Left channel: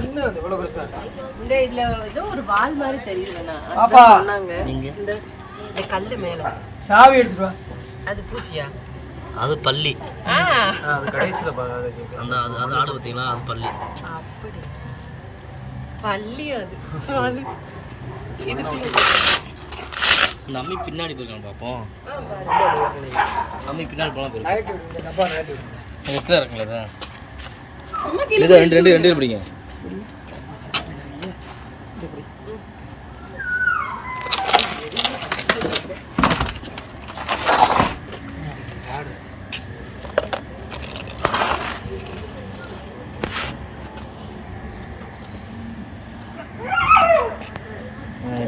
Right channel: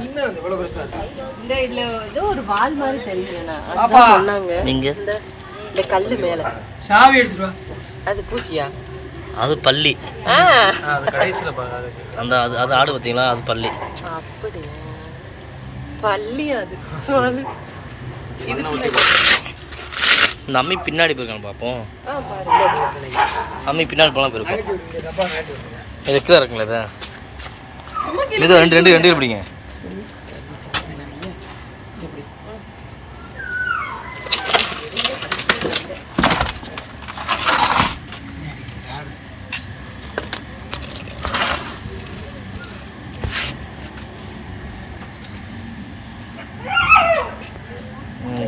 இந்த இதுல ஏதோ ஒரு வால் மாதிரி தெரியலண்ணா பாப்பா. அதான் சொன்னாங்க. நீங்க? இந்த கல்லு மேல. சாவி எடுத்துட்டு வா. அது பூச்சியா? அது பள்ளி அந்த அது அது ஆடு பார்த்தீங்களா? அது பள்ளி பள்ளி அது. இந்த அம்மி பின்னாடி போயிருக்கான்னு பார்ப்போம். அம்மி பின்னாடி போகலாம் போயிருக்கோம். இது கீழே இருக்குங்களா இது? இது ரெண்டு ரெண்டு ரெண்டு பிடிங்க.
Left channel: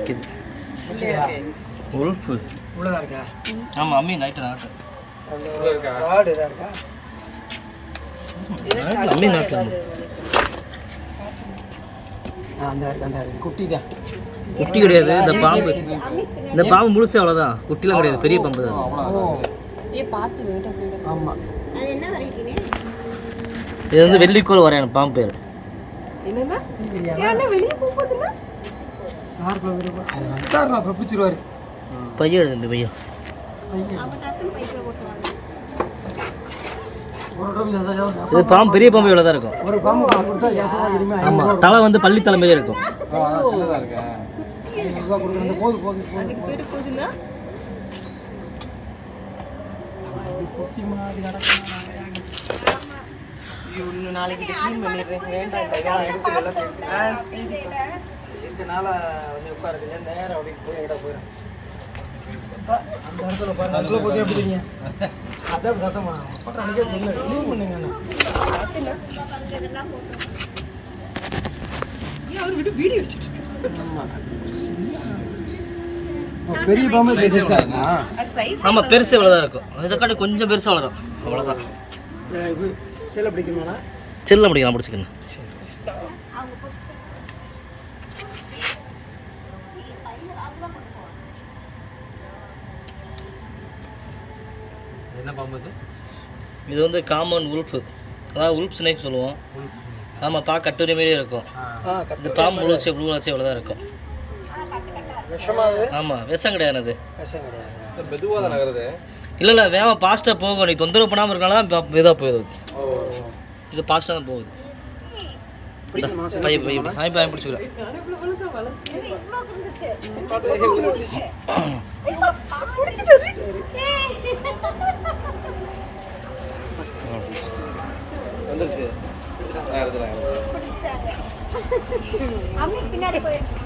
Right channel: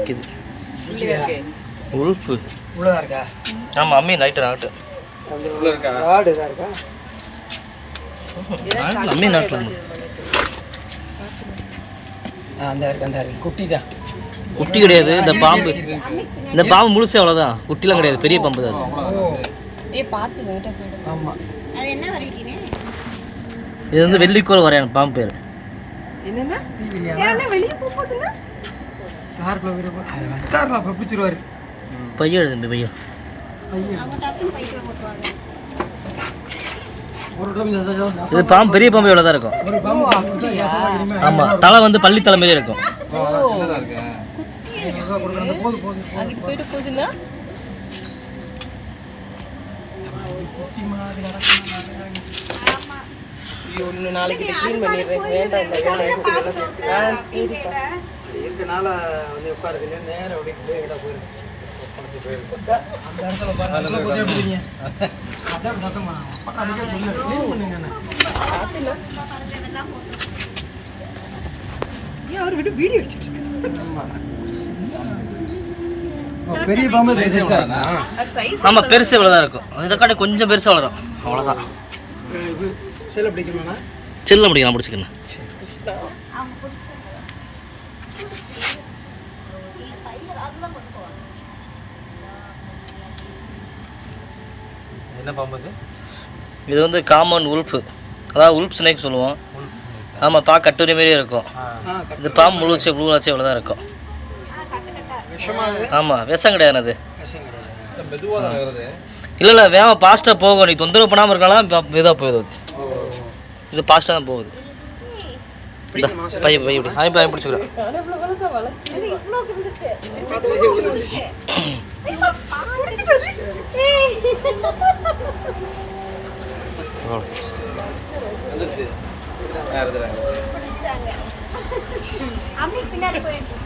நிற்கிது? உல்ஃபு உள்ளதா இருக்கா? ஆமாம் அம்மி நைட்டு. நாட்டு அம்மி நாட்டில் ஆ, அந்த இருக்கு அந்த இருக்கு. குட்டி தான். குட்டி கிடையாது இந்த பாம்பு. இந்த பாம்பு முழுசே அவ்வளோதான் குட்டிலாம் கிடையாது பெரிய பாம்பு தான் இது வந்து வெள்ளிக்கோள் வரையான பாம்பு பேர். யாருக்குள்ள அப்போ பிடிச்சிருவாரு. பையன். எழுது பையன். இது பாம்பு பெரிய பாம்பு இவ்வளோ தான் இருக்கும் ஆமாம் தலை வந்து பள்ளி தலை மாதிரியே இருக்கும். நாளைக்கு க்ளீன் பண்ணிடுறேன். வேண்டாம் சரிப்பா. இருக்கனால வந்து உட்காருது நேரம் அப்படியே போய் விட போயிருக்கு அந்த இடத்துல பாருங்க அதுல போய் எப்படிங்க அதான் சத்தம் பண்ணாங்க அப்பா நமக்கே சொன்னாரு க்ளீன் பண்ணுங்க பார்த்துனா ஏன் அவர் விட்டு வீடியோ எடுத்துட்டு இருக்காரு பெரிய பாம்பு ஆமாம் பெருசு இவ்வளோ தான் இருக்கும். இதை காட்டி கொஞ்சம் பெருசாக வளரும். அவ்வளோதான் செல்ல பிடிக்குமாண்ணா? செல்ல பிடிச்சிக்கணும் என்ன பாம்பு இது வந்து காமன் உல்ஃபு அதாவது உல்ஃப் ஸ்னேக் சொல்லுவோம். ஆமாம் பா கட்டுரை மாதிரியே இருக்கும். இது பாம்பு முழுச்சு முழுவாச்சு இவ்வளோ தான் இருக்கும். ஆமாம் விஷம் கிடையாது அது. இல்லை இல்லை வேகமாக ஃபாஸ்ட்டாக போகும். நீ தொந்தரவு பண்ணாமல் இருக்கலாம் இதாக அது. இது ஃபாஸ்ட்டாக தான் போகுது. இந்தா, பைய இப்படி. ஆய் பையன் பிடிச்சிக்கிறேன். அம்மி பின்னாடி போயிடுச்சு